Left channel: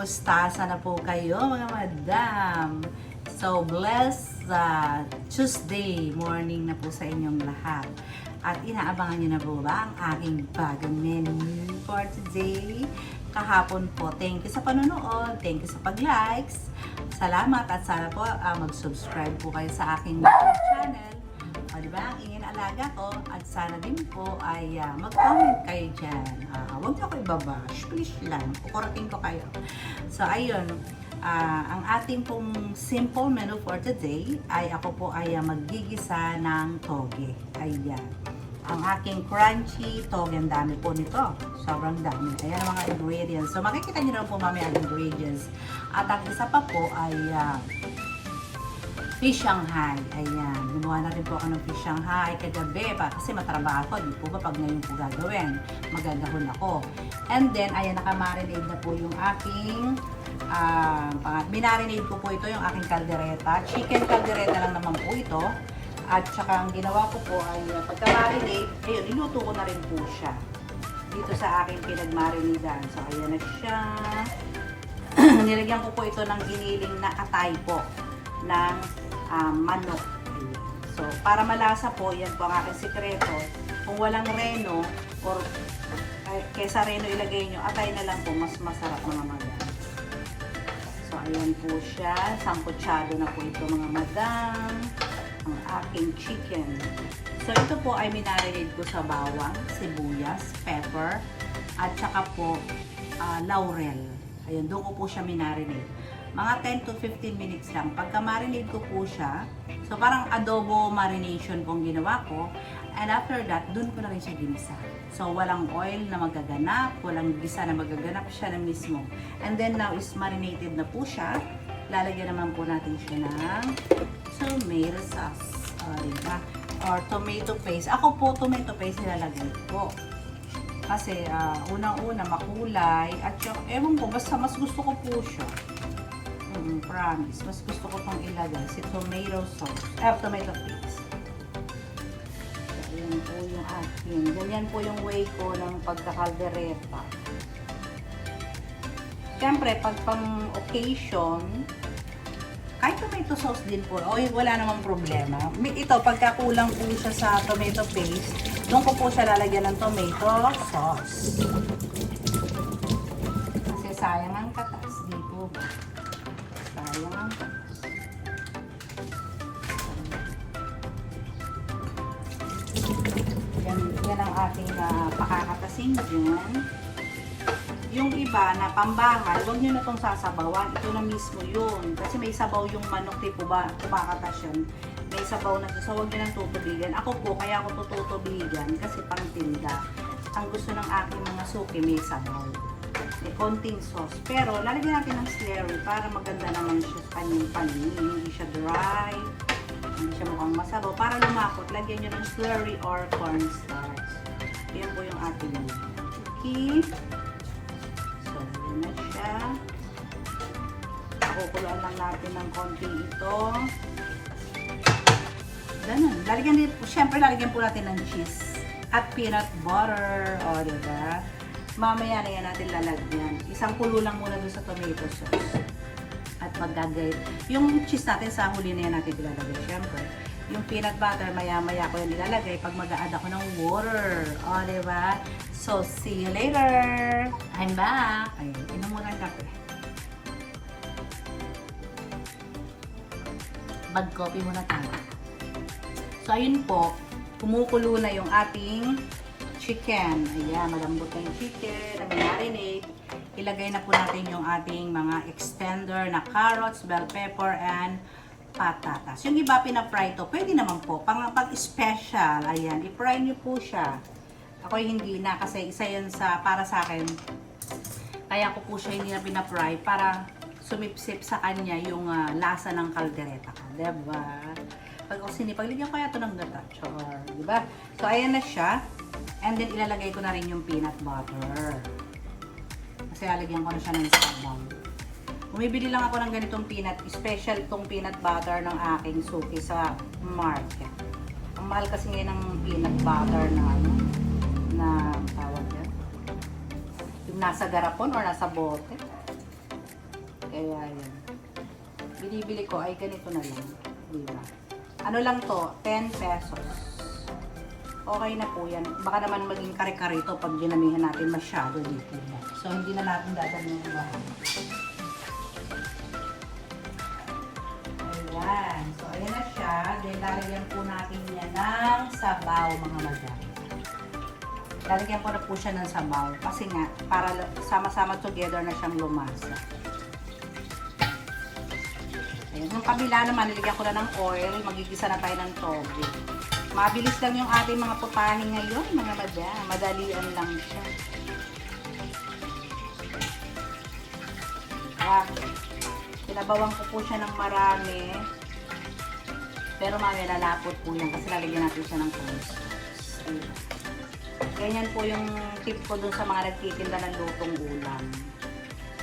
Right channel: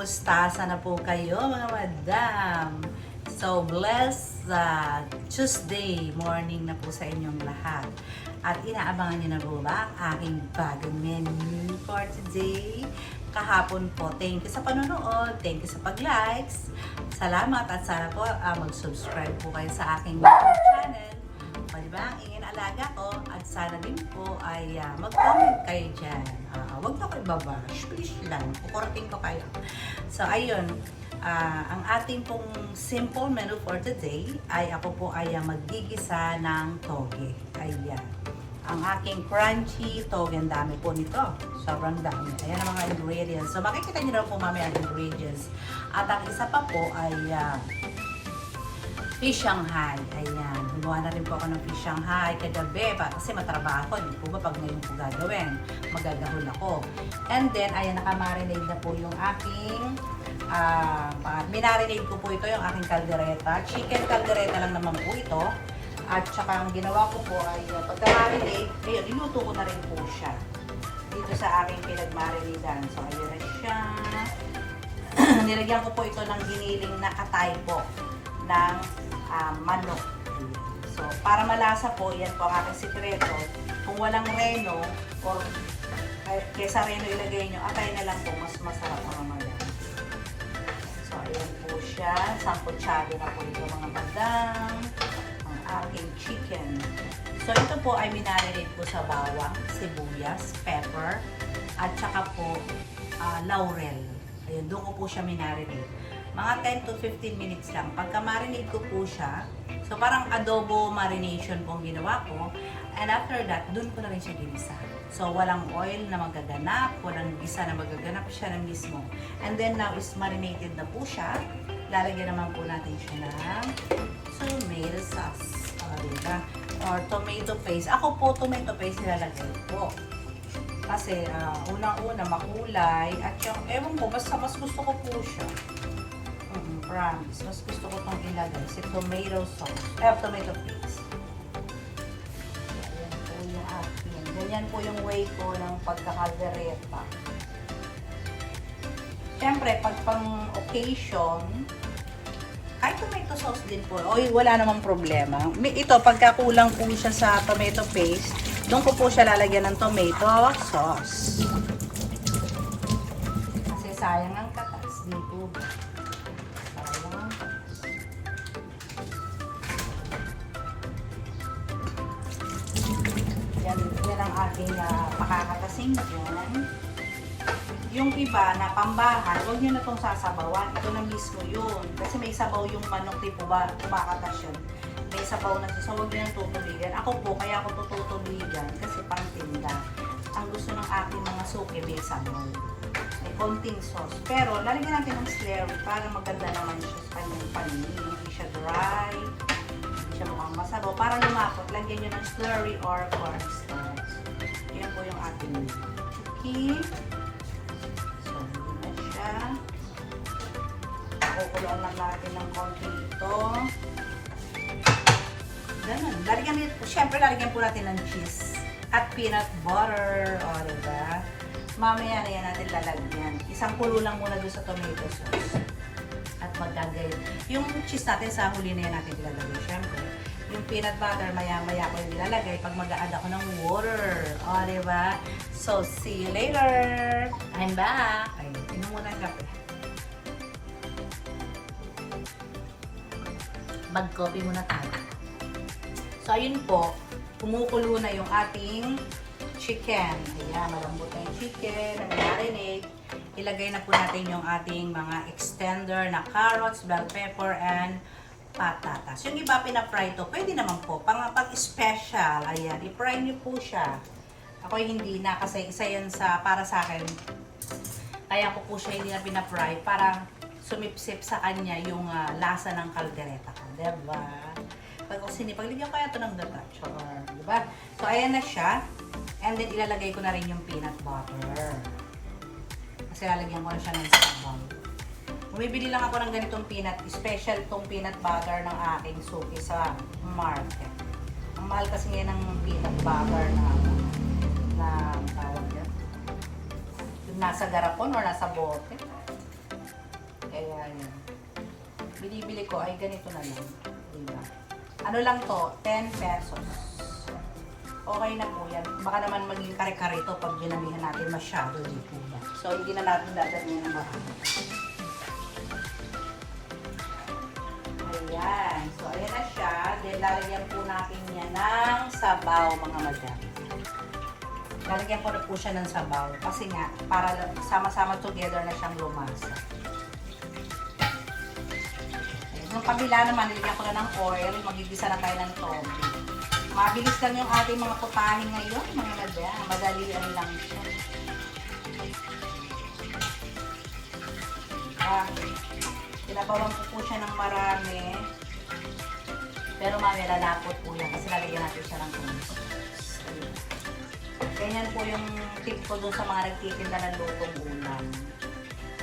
Kumusta? Sana po kayo mga madam. So, blessed Tuesday morning na po sa inyong lahat. At inaabangan niyo na po ba ang aking bagong menu for today? Kahapon po, thank you sa panonood, thank you sa pag-likes. Salamat at sana po mag-subscribe po kayo sa aking channel. Diba? Ang ingin alaga ko at sana din po ay mag-comment kayo dyan. Huwag na ako ibabash, please lang. Kukorting ko kayo. So, ayun. Ang ating pong simple menu for today ay ako po ay maggigisa ng toge. Ayan. Ang aking crunchy toge. Ang dami po nito. Sobrang dami. Ayan ang mga ingredients. So, makikita nyo na po mamaya ang ingredients. At ang isa pa po ay fish Shanghai. Ayan. Gumawa na rin po ako ng fish Shanghai kagabi kasi matrabaho. Hindi po ba pag ngayon po gagawin? Magagahol ako. And then, ayan, nakamarinate na po yung aking minarinate ko po ito yung aking caldereta. Chicken caldereta lang naman po ito. At saka ang ginawa ko po ay pagka-marinate, ayun, niluto ko na rin po siya. Dito sa aking pinag-marinatean. So, ayan na siya. Nilagyan ko po ito ng giniling na atay po ng manok. So, para malasa po, yan po ang aking sikreto. Kung walang reno, or kesa reno ilagay nyo, atay na lang po, mas masarap mga madam. So, ayan po siya. Samputsado na po ito mga madam. Ang aking chicken. So, ito po ay minarinate ko sa bawang, sibuyas, pepper, at saka po laurel. Ayan, doon ko po siya minarinate. Mga 10 to 15 minutes lang. Pagka marinate ko po siya, so parang adobo marination kung ginawa ko. And after that, dun ko na rin siya ginisa. So walang oil na magaganap, walang gisa na magaganap, siya na mismo. And then now is marinated na po siya. Lalagyan naman po natin siya ng tomato sauce. Diba? Or tomato paste. Ako po tomato paste nilalagay po. Kasi unang-una makulay. At yung, ewan ko, basta mas gusto ko po siya. Promise. Mas gusto ko itong ilagay. Si tomato sauce. Tomato paste. So, ayan po yung akin. Ganyan po yung way ko ng pagkakaldereta. Siyempre, pag pang occasion, kahit tomato sauce din po. Oy, wala namang problema. Ito, pagka kulang po siya sa tomato paste, doon ko po siya lalagyan ng tomato sauce. Kasi sayang ang katas. Di po ba? Sayang ang katas. Yan ang ating pakakatasin dyan. Yung iba na pambahan, huwag nyo na itong sasabawan. Ito na mismo yun. Kasi may sabaw yung manok, di po ba? Kumakatas yun. May sabaw na ito. So, huwag nyo nang tutubigan. Ako po, kaya ako tutubigan kasi pang tinda. Ang gusto ng aking mga suki, may sabaw. May konting sauce. Pero, lalagyan natin ng slurry para maganda naman siya sa kanyang paningin. Hindi siya dry. Hindi siya mukhang masabaw. Para lumapot, lagyan nyo ng slurry or cornstarch. Yan po yung ating chuki. Kukulong lang natin ng konti ito. Ganun. Siyempre, lalagyan po natin ng cheese at peanut butter. O, diba? Mamaya na yan natin lalagyan. Isang kulo lang muna dun sa tomato sauce. At magagay. Yung cheese natin sa huli na yan natin ilalagay. Siyempre, yung peanut butter, maya-maya ko yung ilalagay pag mag-a-add ako ng water. O, diba? So, see you later! I'm back! Ay, inom muna ang kape. Mag-coffee muna tayo. So, ayun po, kumukulo na yung ating chicken. Ayan, malambot na yung chicken, na marinate. Ilagay na po natin yung ating mga extender na carrots, bell pepper, and patatas. Yung iba pinafry to, pwede naman po. Pag-special, ayan, i-fry nyo po siya. Ako hindi na, kasi isa yun para sa akin. Kaya ko po siya hindi na pinafry para sumipsip sa kanya yung lasa ng kaldereta ko. Diba? Pag sinipagligyan ko kaya ito ng gata. Diba? So, ayan na siya. And then, ilalagay ko na rin yung peanut butter. Kasi lalagyan ko na siya ng sabaw. Bumibili lang ako ng ganitong special itong peanut butter ng aking suki sa market. Ang mahal kasi ngayon ng peanut butter na tawag yan. Yung nasa garapon or nasa bote. Kaya yan. Binibili ko ay ganito na lang. Diba? Ano lang to? 10 pesos. Okay na po yan. Baka naman maging kare-kare ito pag dinamihan natin masyado dito. So, hindi na natin dadamihan ng bahagi. Ayan. So, ayan na siya. Then, lalagyan po natin yan ng sabaw, mga madam. Lalagyan ko na po siya ng sabaw. Kasi nga, para sama-sama together na siyang lumasa. Ayan. Yung kabila naman, nilagyan ko na ng oil. Magigisa na tayo ng toge. Mabilis lang yung ating mga putahe ngayon, mga madam. Madalian lang siya. Sinabawan ko po siya ng marami. Pero malalapot po yan kasi lalagyan natin siya ng cornstarch. Ganyan po yung tip ko dun sa mga nagtitinda ng lutong ulam.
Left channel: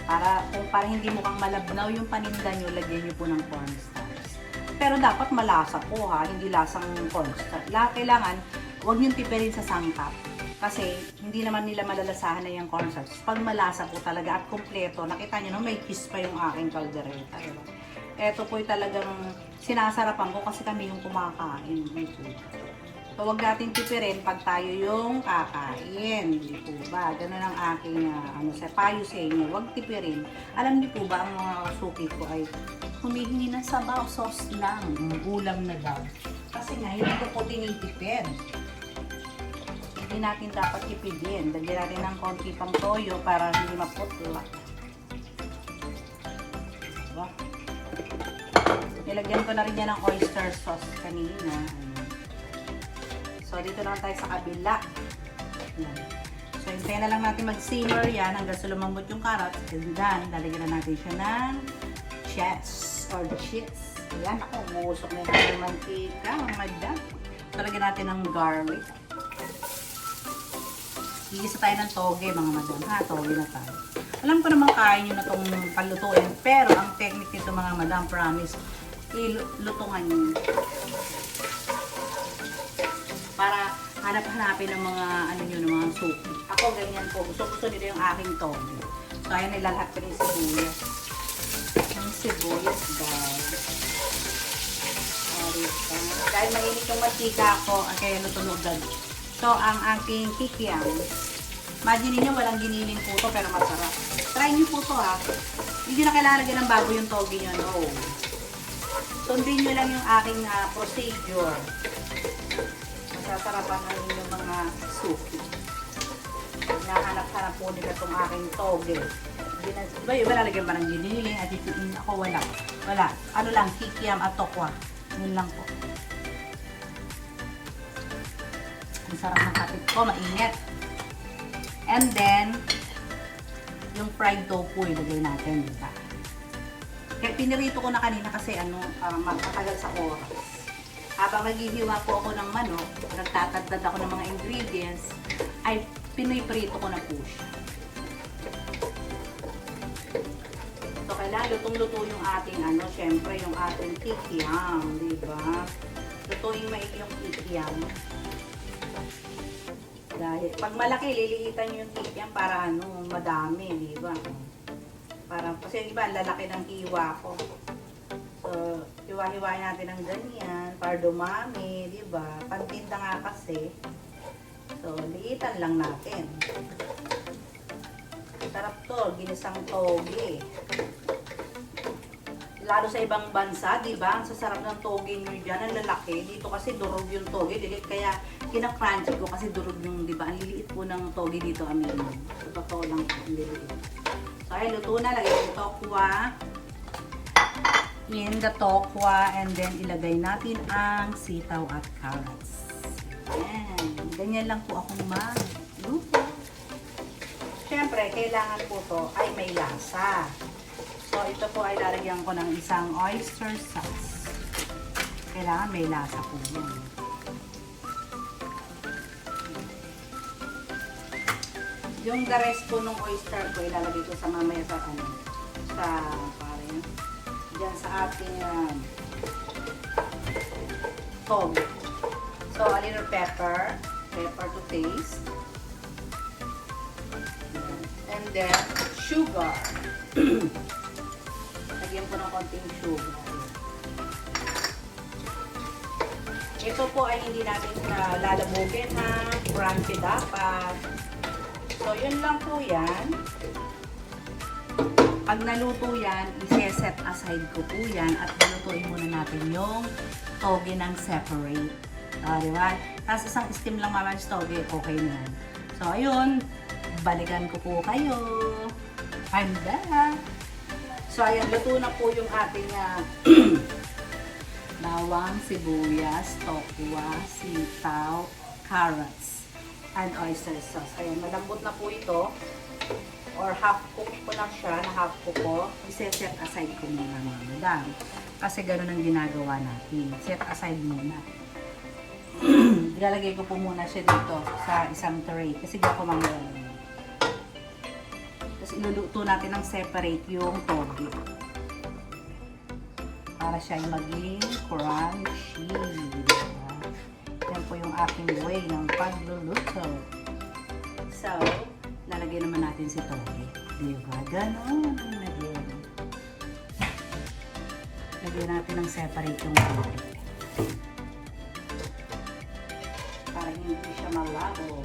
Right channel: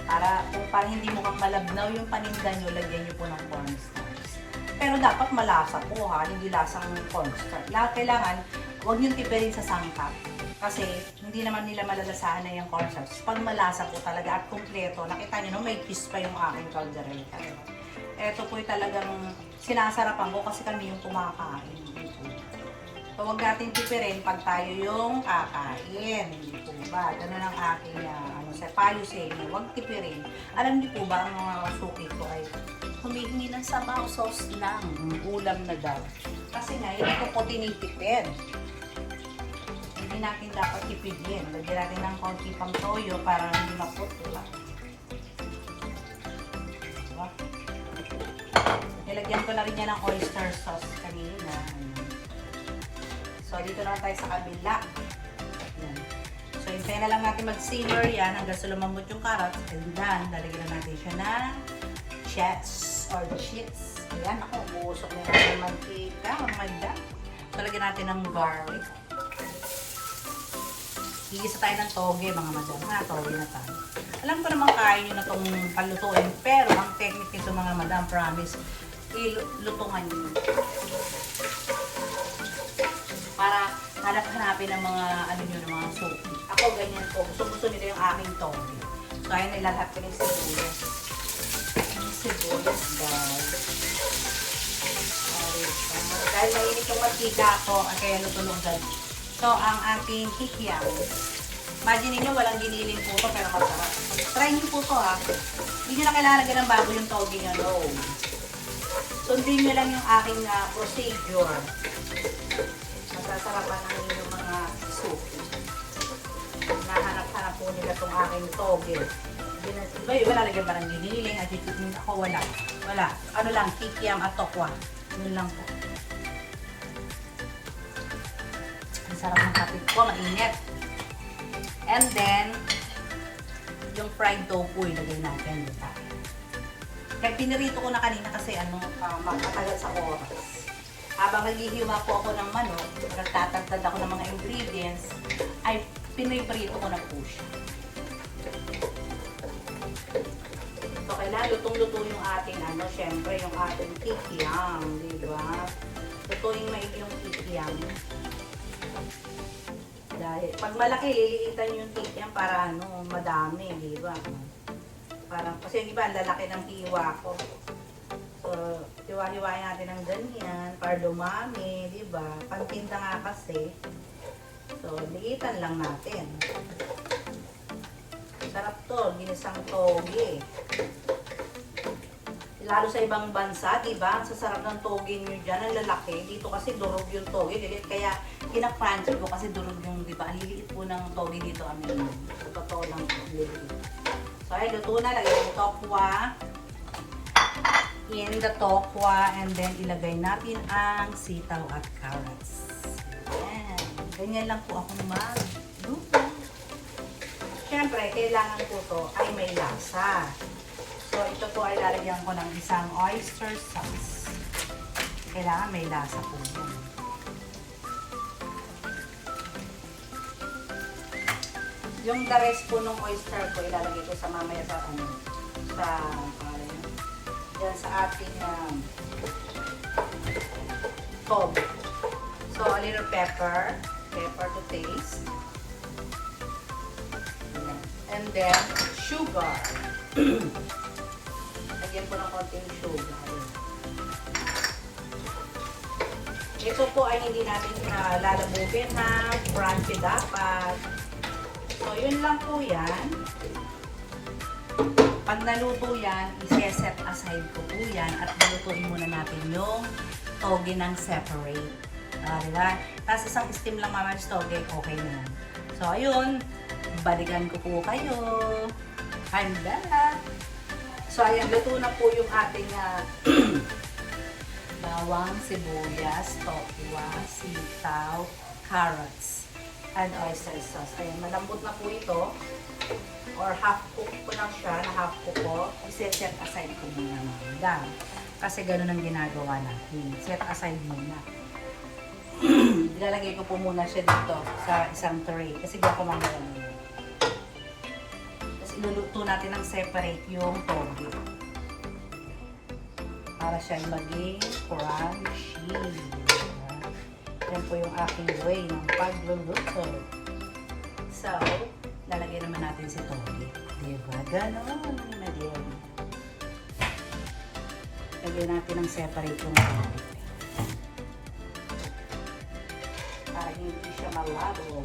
Para hindi mukhang malabnaw yung paninda nyo, lagyan nyo po ng cornstarch. Pero dapat malasa po ha, hindi lasang cornstarch. Kailangan, huwag nyo tipirin sa sangkap. Kasi hindi naman nila malalasahan na yung cornstarch. Pag malasa po talaga at kumpleto, nakita nyo no, may kiss pa yung aking caldereta. Diba? Ito po yung talagang sinasarapan ko kasi kami yung kumakain. So, huwag natin tipirin pag tayo yung kakain. Hindi po ba? Ganun ang aking payo sa inyo. Huwag tipirin. Alam niyo po ba, ang mga suki ko ay humihingi ng sabaw, sauce lang. Ulam na daw. Kasi nga, yun ito po tinitipid. Hindi natin dapat tipidin. Lagyan natin ng konti pang toyo para hindi maputla. Diba? Nilagyan ko na rin yan ng oyster sauce kanina. So, dito na tayo sa kabila. Yan. So, hintayin na lang natin mag-simmer yan hanggang sa lumambot yung carrots. And then, lalagyan na natin siya ng cheese or cheese. Ayan, ako, umusok na natin yung mantika, mga madam. So, lagyan natin ng garlic. Igisa tayo ng toge, mga madam. Toge na tayo. Alam ko naman kaya nyo na itong palutuin. Pero, ang technique nito, mga madam, promise, ilutungan nyo. Para hanap-hanapin ng mga ng mga suki. Ako ganyan po. Gusto nila yung aking toge. So, ayan, nilalat ko yung sibuyas. Yung sibuyas, guys. Dahil mainit yung mantika ko, kaya natunugan. So, ang ating kikiam. Imagine niyo walang giniling po ito, pero masarap. Try niyo po ito ha. Hindi nyo na kailangan lagyan ng bago yung toge nyo. No. Sundin nyo lang yung aking procedure. Masasarapan ang inyong mga suki. Hinahanap-hanap po nila itong aking toge. Wala lagyan ba ng giniling? Ako wala. Wala. Ano lang, kikiam at tokwa. Yun lang po. Ang sarap ng kapit ko, mainit. And then, yung fried tofu ilagay natin, di ba? Kaya pinirito ko na kanina kasi magtatagal sa oras. Habang naghihiwa po ako ng manok, nagtatagdad ako ng mga ingredients, ay piniprito ko na po siya. So, kailangan lutong-luto yung ating syempre yung ating kikiam, di ba? Lutuin maigi yung kikiam. Dahil, pag malaki, liliitan yung kikiam para madami, di ba? Kasi di ba, lalaki ng hiwa ko. So, hiwa-hiwain natin ng ganyan para dumami, di ba? Pantinda nga kasi. So, liitan lang natin. Sarap to, ginisang toge. Lalo sa ibang bansa, di ba? Ang sasarap ng toge nyo dyan, ang lalaki. Dito kasi durog yung toge. Kaya kina-crunchy ko kasi durog yung, di ba? Ang liliit po ng toge dito, amin. So, totoo lang po, liliit. So, ay, luto na. Lagay yung tokwa. In the tokwa. And then, ilagay natin ang sitaw at carrots. Ayan. Ganyan lang po akong magluto. Siyempre, kailangan po to ay may lasa. So, ito po ay lalagyan ko ng isang oyster sauce. Kailangan may lasa po yun. Yung the rest po ng oyster ko, ilalagay ko sa mamaya sa dyan sa ating tog. So, a little pepper to taste. And then, sugar. konting sugar. Ito po ay hindi natin lalabugin ha. Crunchy dapat. So, yun lang po yan. Pag naluto yan, isi-set aside ko po yan at nalutuin muna natin yung toge ng separate. Diba? Tapos isang steam lang mama yung toge, okay na yan. So, ayun. Balikan ko po kayo. I'm back. So, ayan. Luto na po yung ating bawang, sibuyas, tokwa, sitaw, carrots, and oyster sauce. Ayun, malambot na po ito. Or half cook ko lang siya, na half cook ko. I-set aside ko muna mga. Kasi ganun ang ginagawa natin. Set aside muna. Ilalagay ko po muna siya dito sa isang tray. Kasi di ako mamaya. Tapos iluluto natin ng separate yung toge. Para siya maging crunchy. Yan po yung aking way ng pagluluto. So, lalagay naman natin si toge. Diba? Ganon ang lagyan. Lagyan natin ng separate yung toge. Para hindi siya malabo.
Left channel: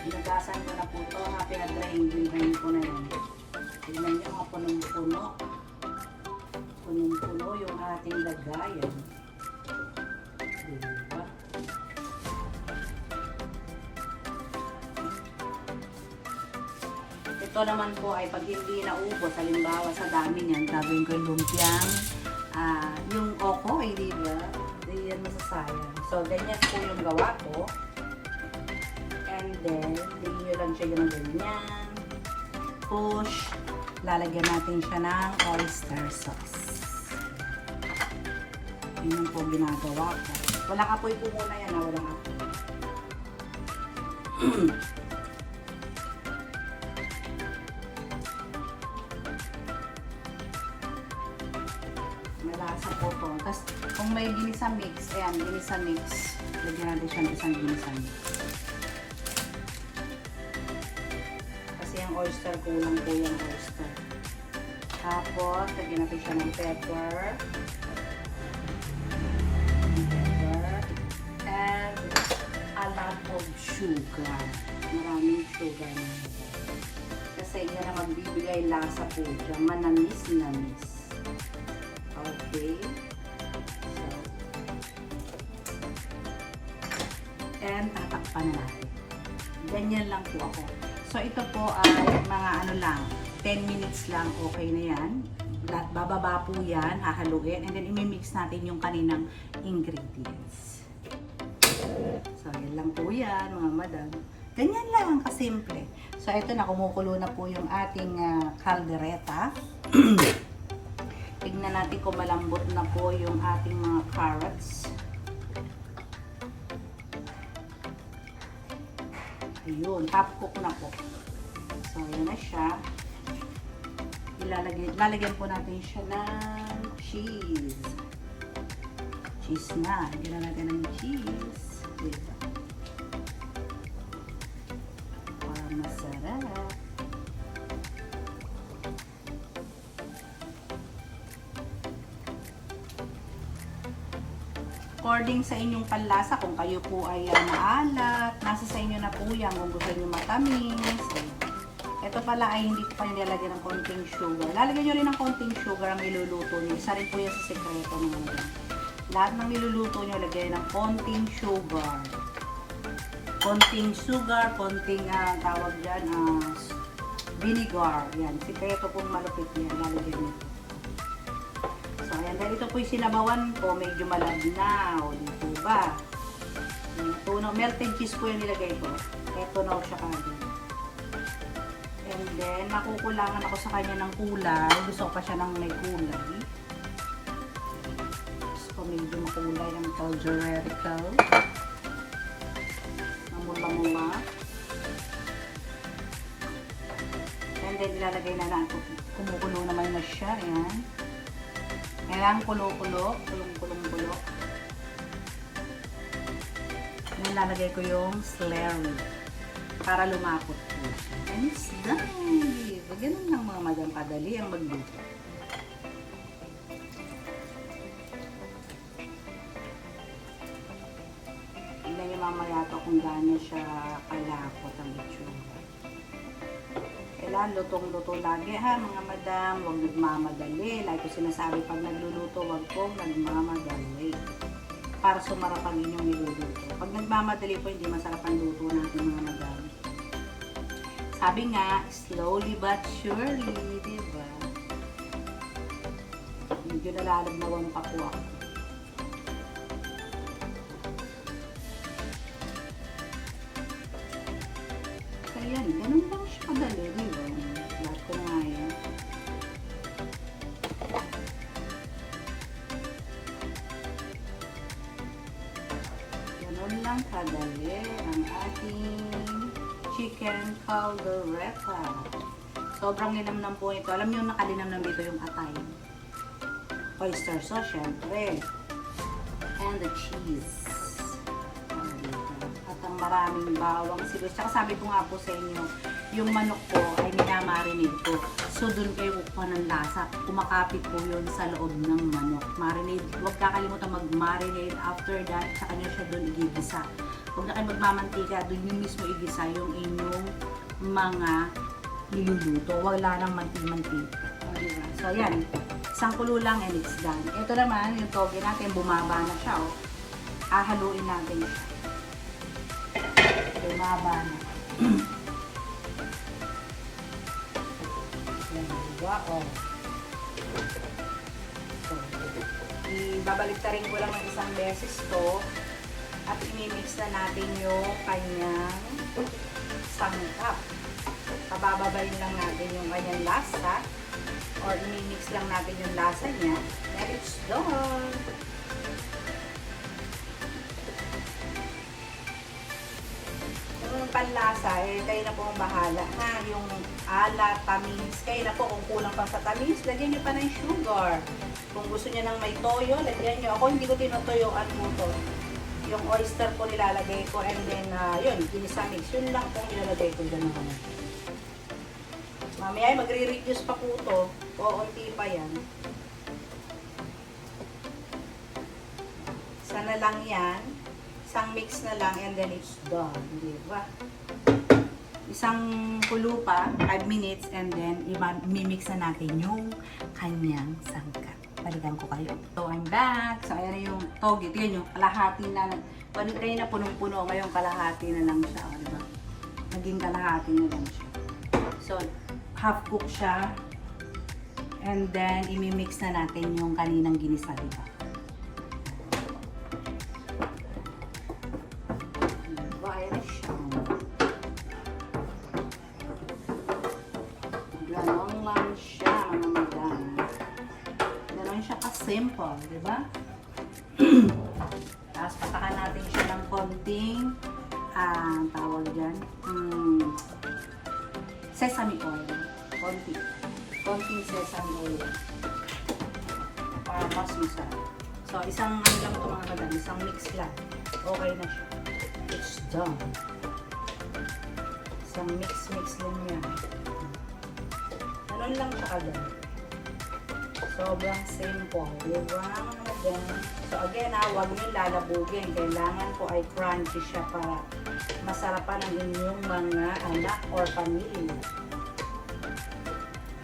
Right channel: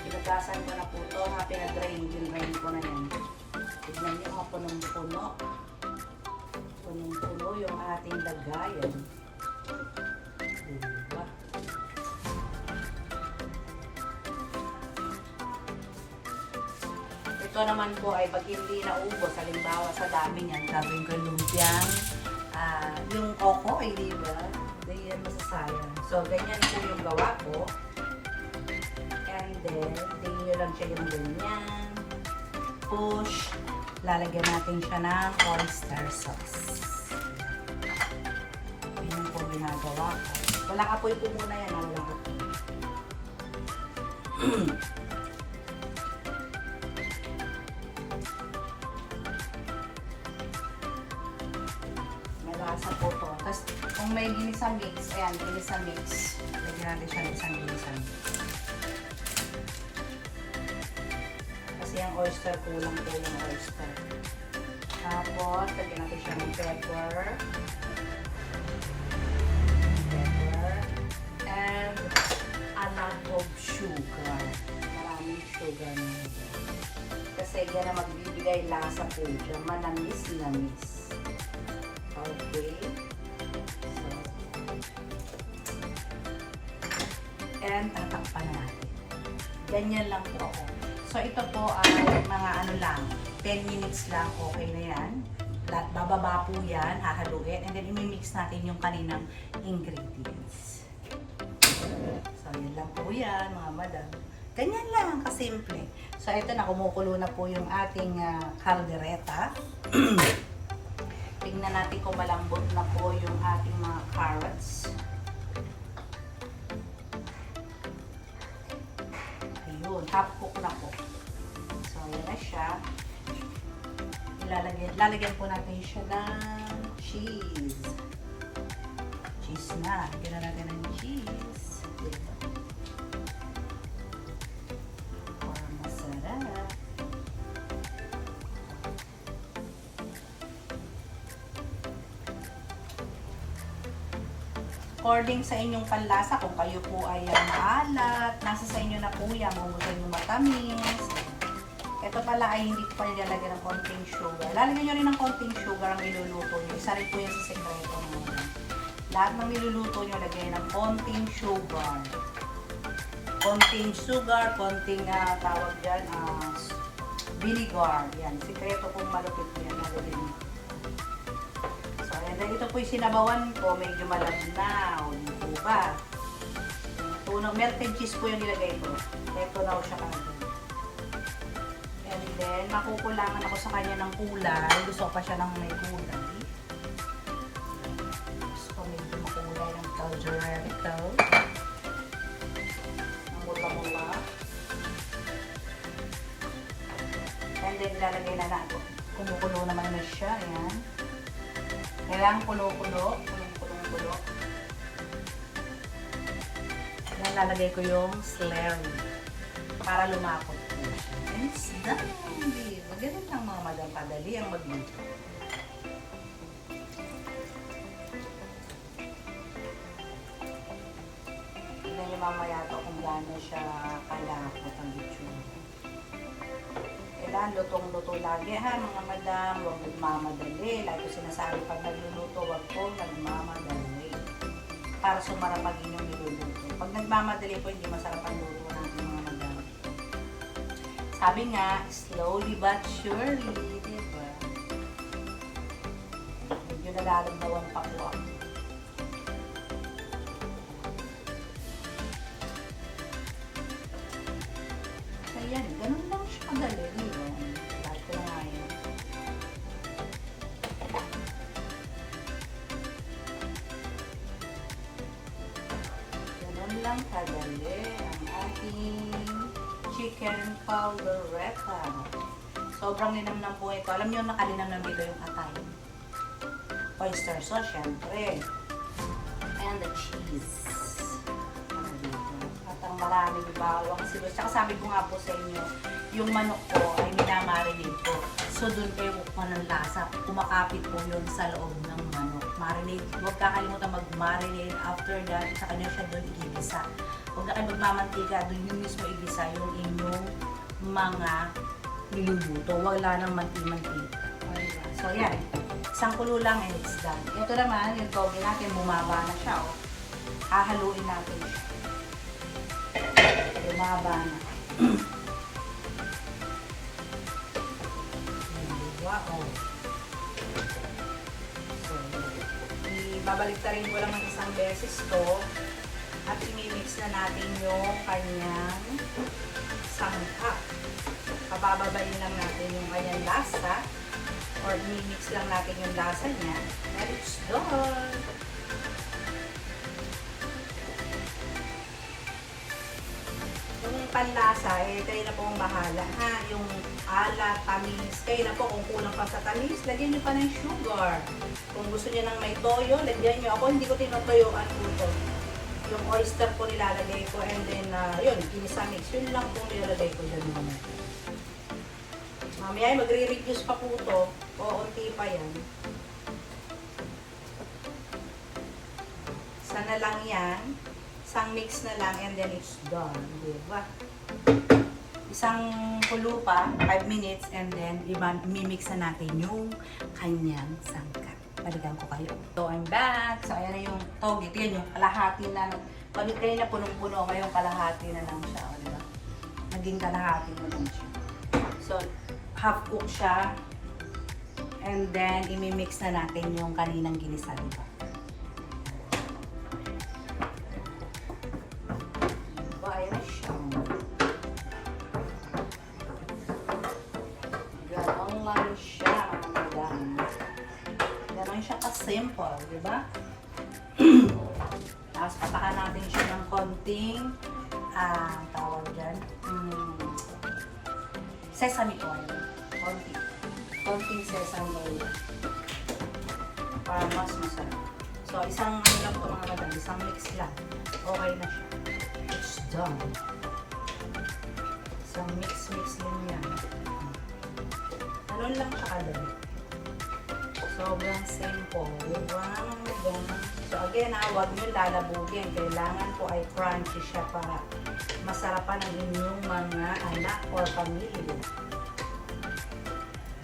Inugasan ko na po ito. Pinag-drain ko na yan. Tignan niyo mga punong-puno. Punong-puno yung ating lagayan. Diba? Ito naman po ay pag hindi naubos, halimbawa sa dami niyan, gagawin ko lumpiang yung oko ay diba? Hindi yan masasayang. So, ganyan po yung gawa ko. And then, hindi nyo lang siya yung ganyan. Push. Lalagyan natin siya ng oyster sauce. Yun po ginagawa ko. Walang apoy po muna yan. Walang apoy. Malasa po to. Tapos, kung may ginisa mix, ayan, ginisa mix. Lagyan natin siya ng isang ginisa mix. Kasi yung oyster, kulang po yung oyster. Tapos, lagyan natin siya ng pepper. And a lot of sugar. Maraming sugar na yun. Kasi yan ang magbibigay lasa po dyan. Manamis-namis. Okay. So, and tatakpan na natin. Ganyan lang po ako. So, ito po ay mga ano lang, 10 minutes lang, okay na yan. Bababa po yan, hahaluin, and then imimix natin yung kaninang ingredients. So, yan lang po yan, mga madam. Ganyan lang, kasimple. So, ito na, kumukulo na po yung ating caldereta. Tignan natin kung malambot na po yung ating mga carrots. Ayun, half cook na po. So, ayan na siya. Lalagyan po natin siya ng cheese. Cheese na. Lagyan na natin ng cheese. Dito. Para masarap. According sa inyong panlasa, kung kayo po ay maalat, nasa sa inyo na po yan kung gusto nyo matamis. Ito pala ay hindi po pa nilalagyan ng konting sugar. Lalagyan nyo rin ng konting sugar ang iluluto nyo. Isa rin po yan sa sekreto naman. Lahat ng iluluto nyo, lagyan ng konting sugar. Konting sugar, konting tawag dyan, vinegar. Yan, sekreto pong malupit yan. Lalagyan nyo. So, ayan. Dahil ito po yung sinabawan ko, medyo malabnaw. Hindi po ba? Melted cheese po yung nilagay ko. Ito na siya kagad. And then, nakukulangan ako sa kanya ng kulay. Gusto ko pa siya ng may kulay. Gusto ko medyo makulay ng caldereta. Ang mula-mula. And then, ilalagay na natin. Kumukulo naman na siya. Ayan. Kailangan kulo-kulo. Kulong-kulong-kulo. Then, lalagay ko yung celery. para lumapot po. And it's done. Ganun lang mga madam, kadali ang magluto. Tignan nyo mamaya to kung gaano siya kalapot ang itsura. Kailan lutong-luto lagi ha mga madam, huwag nagmamadali. Like ko sinasabi pag nagluluto, huwag pong nagmamadali. Para sumarap ang inyong niluluto. Pag nagmamadali po, hindi masarap ang luto natin mga madam. Sabi nga, slowly but surely, diba? Medyo nalalagnawan pa po ako. Ayan, ganun lang siya kadali, diba? Lahat ko na nga yan. Ganun lang kadali ang ating chicken caldereta. Sobrang linamnam po ito. Alam niyo nakalinamnam dito yung atay. Oyster sauce, syempre. And the cheese. At ang maraming bawang sibuyas. Tsaka sabi ko nga po sa inyo, yung manok ko ay minamarinate ko. So, doon kayo kukuha ng lasa. Kumakapit po yun sa loob ng manok. Marinate. Huwag kakalimutan mag-marinate. After that, sa kanya siya doon igigisa. Huwag na kayo magmamantika. Doon yung mismo igisa yung inyong mga niluluto. Wala nang mantig-mantig. So, yan. Isang kulo lang and it's done. Ito naman, yung toge natin, bumaba na siya. Oh. Hahaluin natin siya. Bumaba na. Wow. So, ibabalik-tarin ko lang ng isang beses to at imimix na natin yung kanyang sangkap. Pabababalin lang natin yung kanyang lasa or imimix lang natin yung lasa niya. And it's done! Yung panlasa, kayo na po ang bahala. Ha? Yung alat, tamis, kayo na po kung kulang pa sa tamis, lagyan nyo pa ng sugar. Kung gusto nyo ng may toyo, lagyan nyo. Ako hindi ko tinutoyoan po to. Yung oyster po nilalagay ko and then, yun, ginisa mix. Yun lang po nilalagay ko dyan naman. Mamaya magre-reduce pa po to. Uunti pa yan. Sana lang yan. Isang mix na lang and then it's done. Diba? Isang kulo pa, 5 minutes, and then imimix na natin yung kanyang sangkap. Balikan ko kayo. So, I'm back. So, ayan na yung toge. Tignan nyo, kalahati na. Balitay na punong-puno. Ngayon, kalahati na lang siya. O, diba? Naging kalahati na lang siya. So, half cook siya. And then, imimix na natin yung kaninang ginisa, diba? Simple, di ba? Tapos patakan natin siya ng konting tawag dyan sesame oil. Konting sesame oil para mas masarap. So, isang ano lang ito mga madam, isang mix lang. Okay na siya. It's done. Isang mix lang yan. Ganun lang siya agad. Sobrang simple, diba? So again, huwag nyo lalabugin. Kailangan po ay crunchy siya para masarapan ang inyong mga anak or pamilya.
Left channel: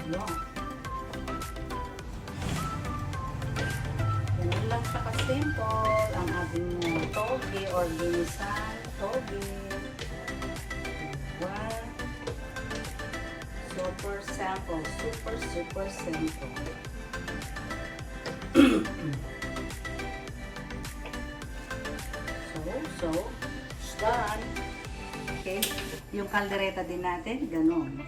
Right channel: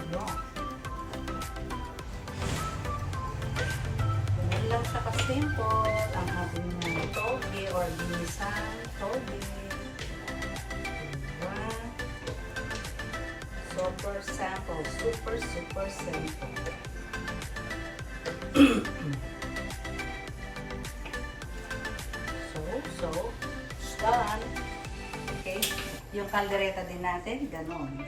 Yun. Ganun lang siya ka-simple ang ating toge or ginisan toge. Diba? Super simple. Super simple. So, it's done. Okay. Yung caldereta din natin, ganun.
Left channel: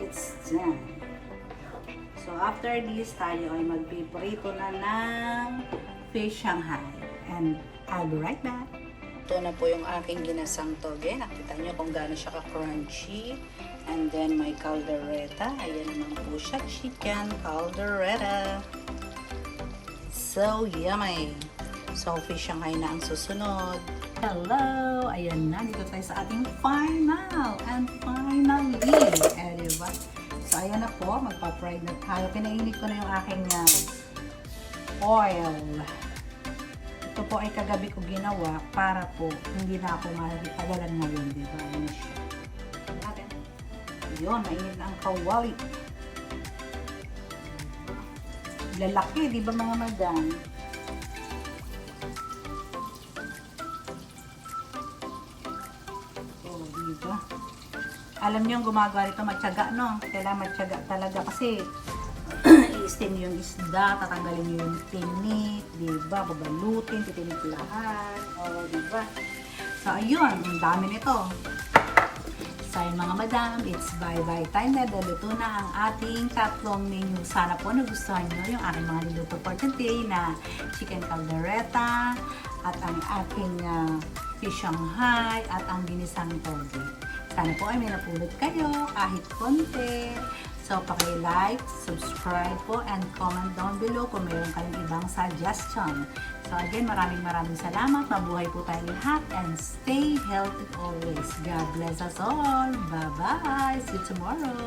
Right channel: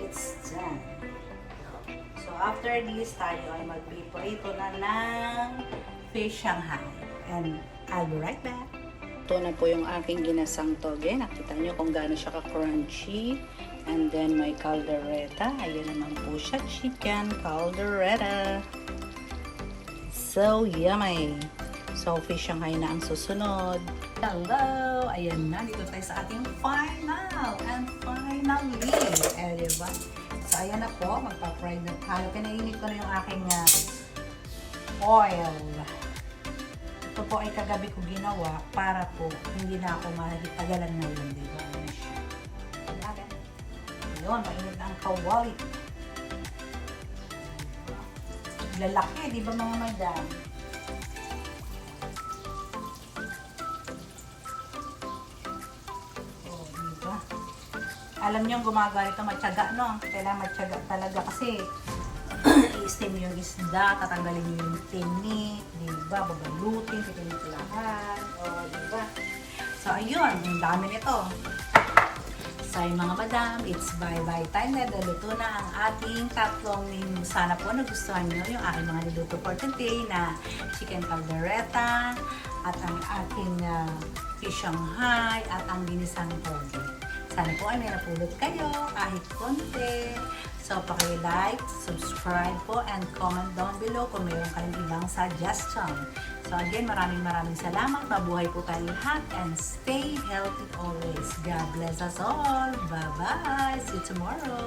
It's done. So, after this, tayo ay magpiprito na ng fish Shanghai. And I'll be right back. Ito na po yung aking ginasang toge. Nakita nyo kung gaano siya ka-crunchy. And then, may caldereta. Ayan naman po siya. Chicken caldereta. So yummy. So, fish Shanghai na ang susunod. Hello! ayan na. Dito tayo sa ating final and finally. Diba? So, ayan na po. Magpa-fry na tayo. Pinainit ko na yung aking oil. Ito po ay kagabi ko ginawa para po hindi na ako matagalan ngayon. Diba? Ayan siya. Ayun, mainit na ang kawali. Lalaki, di ba mga madam? Oh, di ba? Alam niyo yung gumagawa nito, matyaga, no? Kailangan matyaga talaga kasi i-steam yung isda, tatanggalin niyo yung tinik, di ba? Babalutin, titiniplahan, oh, di ba? So, ayun, ang dami nito. So, mga madam, it's bye-bye time na. Luto na ang ating tatlong menu. Sana po nagustuhan nyo yung aking mga niluto for today na chicken caldereta at ang ating fish Shanghai at ang ginisang toge. Sana po ay may napulot kayo kahit konti. So, paki-like, subscribe po, and comment down below kung meron kayong ibang suggestion. So, again, maraming salamat. Mabuhay po tayong lahat and stay healthy always. God bless us all. Bye-bye. See you tomorrow.